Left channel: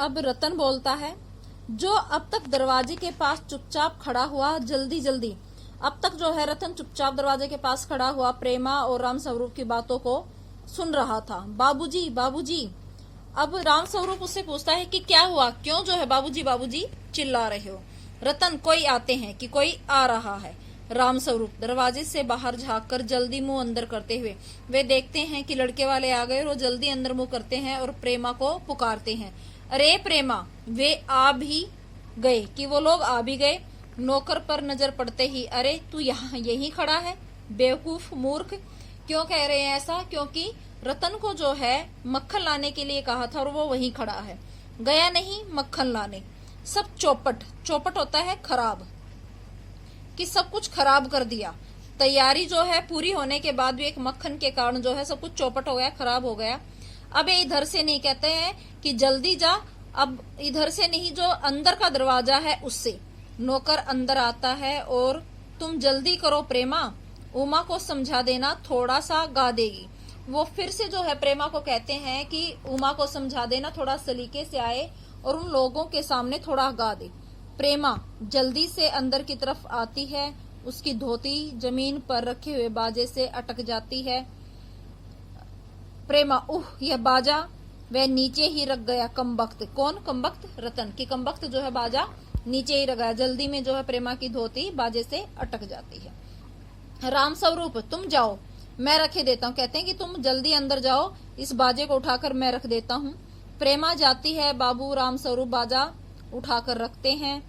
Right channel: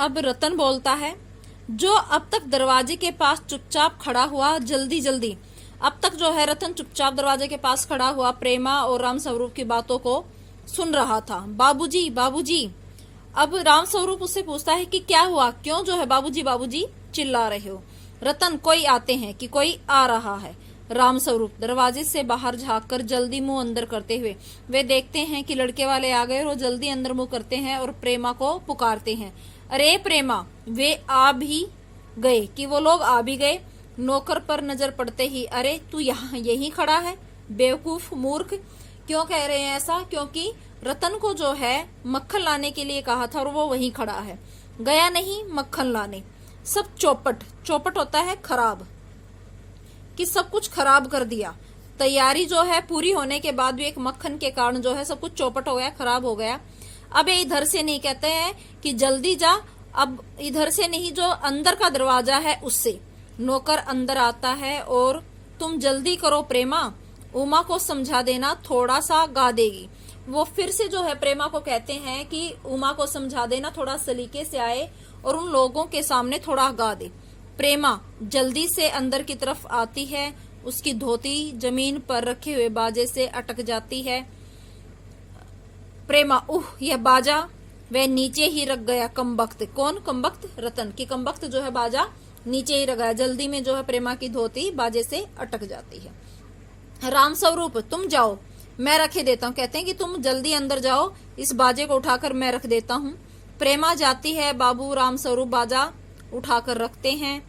अब रतन बोलता है, जो अब तक दरवाजे के पास चुपचाप खड़ा हुआ, जल्दी जल्दी अब तक जो है रतन चुपचाप दरवाजे के पास खड़ा हुआ प्रेमा और राम स्वरूप की बातों को सुन रहा था। बाबूजी बाबूजी। अब राम स्वरूप उससे पूछता है कि क्या हुआ, क्यों जो है बाबूजी बाबूजी चिल्ला रहे हो। रतन, कोई आते हैं कि कोई आ रहा है। राम स्वरूप दरवाजे से बाहर झांककर जल्दी मुंह अंदर करते हुए वे देखते हैं कि लड़के वाले आ गए और वो जल्दी अंदर मुंह करते हैं और प्रेमा को पुकारते हैं। अरे प्रेमा, वे आ भी गए कि वो लोग आ भी गए। नौकर पर नजर पड़ते ही, अरे तू यहाँ यही खड़ा है, बेवकूफ मूर्ख। क्यों कह रहे हैं ऐसा? क्योंकि रतन को जो है मक्खन लाने के लिए कहा था और वो वहीं खड़ा है, गया नहीं मक्खन लाने। सब चौपट, चौपट होता है खराब, कि सब कुछ खराब कर दिया। तैयारी जो है पूरी होने के बाद भी एक मक्खन के कारण जो है सब कुछ चौपट हो गया, खराब हो गया। अब ये इधर से नहीं, कहते हैं कि जल्दी जा, अब इधर से नहीं, जो अंदर का दरवाजा है उससे। नौकर अंदर आता है और तुम जल्दी करो प्रेमा, उमा को समझा देना, थोड़ा सा गा देगी। वो फिर से जो है प्रेमा को कहते हैं कि उमा को समझा देना, थोड़ा सलीके से आए और उन लोगों के सामने थोड़ा गा दे। प्रेमा जल्दी से अंदर की तरफ आती है, उसकी धोती जमीन पर रखे हुए बाजे से अटक जाती है। प्रेमा, यह बाजा वह नीचे ही रख गया कमबख्त। कौन कमबख्त? रतन की कमबख्त जो है बाजा नीचे ही रख गया। जल्दी में जो है प्रेमा की धोती बाजे से अटक जाती है। राम स्वरूप, तुम जाओ, मैं रखे देता हूँ। कहते हैं कि तुम जल्दी अंदर जाओ, इस बाजे को उठाकर मैं रख देता हूँ। प्रेमा जाती है, बाबू राम स्वरूप बाजा उठाकर रखते हैं।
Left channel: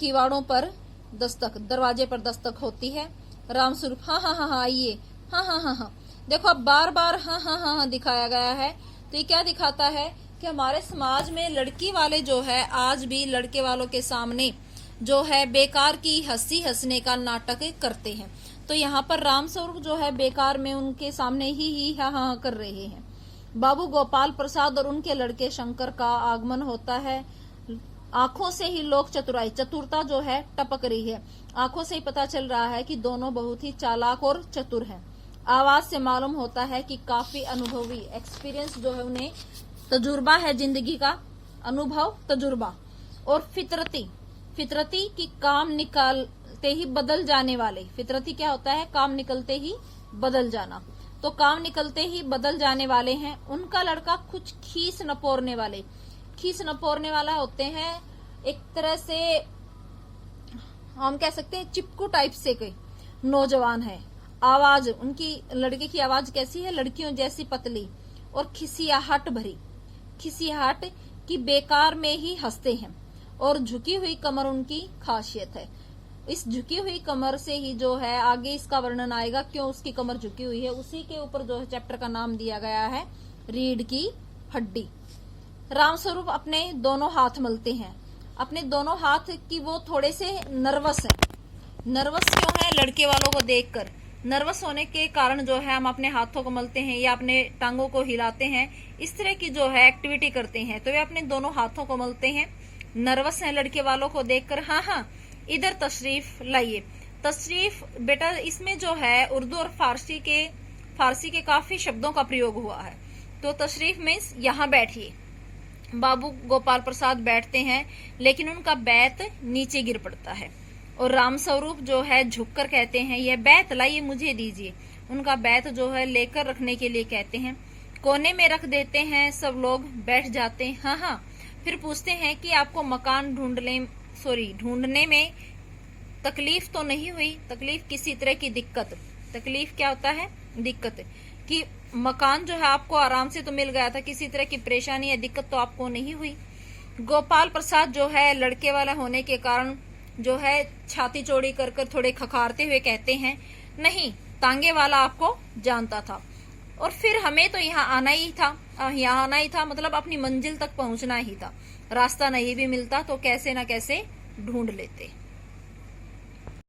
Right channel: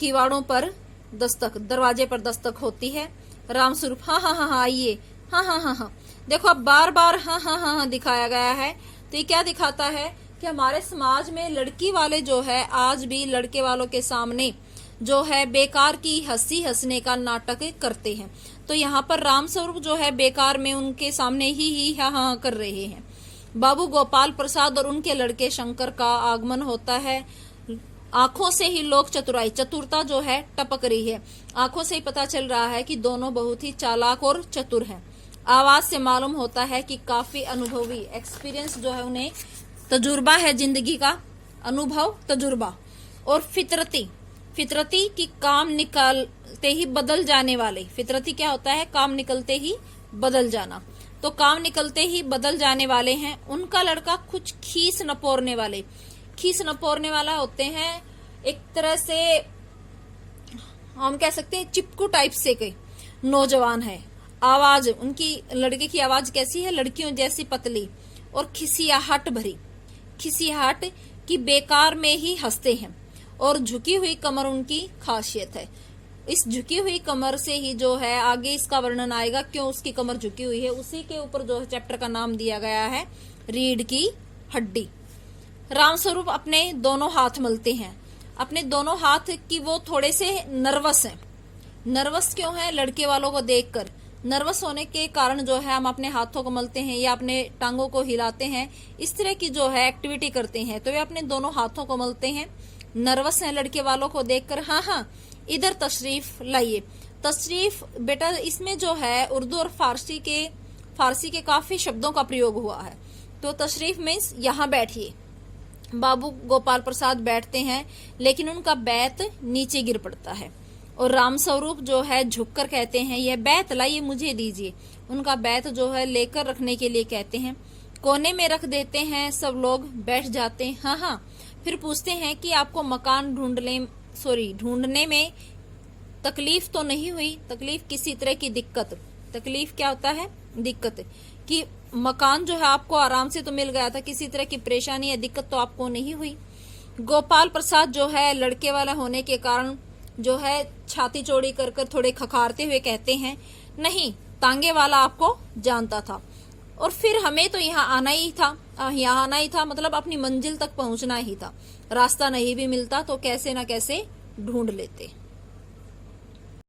किवाड़ों पर दस्तक, दरवाजे पर दस्तक होती है। राम स्वरूप, हाँ हाँ हाँ हाँ आइए, हाँ हाँ हाँ हाँ। देखो अब बार बार हाँ हाँ हाँ हाँ दिखाया गया है, तो ये क्या दिखाता है कि हमारे समाज में लड़की वाले जो है आज भी लड़के वालों के सामने जो है बेकार की हंसी हंसने का नाटक करते हैं। तो यहाँ पर राम स्वरूप जो है बेकार में उनके सामने ही हाँ हाँ कर रहे हैं। बाबू गोपाल प्रसाद और उनके लड़के शंकर का आगमन होता है। आंखों से ही लोग चतुराई, चतुरता जो है टपक रही है। आंखों से ही पता चल रहा है कि दोनों बहुत ही चालाक और चतुर हैं। आवाज से मालूम होता है कि काफी अनुभवी, एक्सपीरियंस जो है उन्हें, तजुर्बा है जिंदगी का, अनुभव तजुर्बा। और फितरती, फितरती की काम निकालते ही बदल जाने वाले। फितरती क्या होता है? काम निकलते ही बदल जाना। तो काम निकलते ही बदल जाने वाले हैं। उनका लड़का कुछ खीस नपोरने वाले, खीस नपोरने वाला होते हैं, एक तरह से हम कह सकते हैं चिपकू टाइप से कोई नौजवान है। आवाज उनकी, लड़के की आवाज कैसी है? लड़कियों जैसी पतली और खिसियाहट भरी, खिसियाहट की बेकार में ही हंसते हैं। और झुकी हुई कमर उनकी खासियत है। इस झुकी हुई कमर से ही जो है आगे इसका वर्णन आएगा, क्यों उसकी कमर झुकी हुई है। उसी के ऊपर जो है चैप्टर का नाम दिया गया है रीढ़ की हड्डी। राम स्वरूप अपने दोनों हाथ मलते हैं। अपने दोनों हाथ की वो थोड़े से नर्वस हैं। नर्वस क्यों है? लड़के वालों को देखकर नर्वस होने के कारण जो है हम अपने हाथों को मलते हैं या अपने टांगों को हिलाते हैं, इस तरह की जो है एक्टिविटी करते हैं। तो वे अपने दोनों हाथों को मलते हैं, नर्वस हैं लड़के वालों को देखकर। हाँ हाँ, इधर तशरीफ लाइए। तशरीफ बेटा, इसमें जो है उर्दू और फारसी के काफी शब्दों का प्रयोग हुआ है। तो तशरीफ मीन्स यहाँ बैठिए। बाबू गोपाल प्रसाद बैठते हैं, लेकिन उनका बैत नीचे गिर पड़ता है और राम स्वरूप जो है झुककर कहते हैं, यह बैत लाइए, मुझे दीजिए। उनका बैत जो है लेकर रखने के लिए कहते हैं। कोने में रख देते हैं, सब लोग बैठ जाते हैं। हाँ हाँ, फिर पूछते हैं कि आपको मकान ढूंढने में तकलीफ तो नहीं हुई? तकलीफ किसी तरह की दिक्कत, तकलीफ क्या होता है? दिक्कत, कि मकान जो है आपको आराम से तो मिल गया था, किसी तरह की परेशानी या दिक्कत तो आपको नहीं हुई? गोपाल प्रसाद जो है लड़के वाला होने के कारण जो है छाती चौड़ी कर थोड़े खखारते हुए कहते हैं, नहीं, तांगे वाला आपको जानता था और फिर हमें तो यहाँ आना ही था, मतलब अपनी मंजिल तक पहुंचना ही था। रास्ता नहीं भी मिलता तो कैसे न कैसे ढूंढ लेते।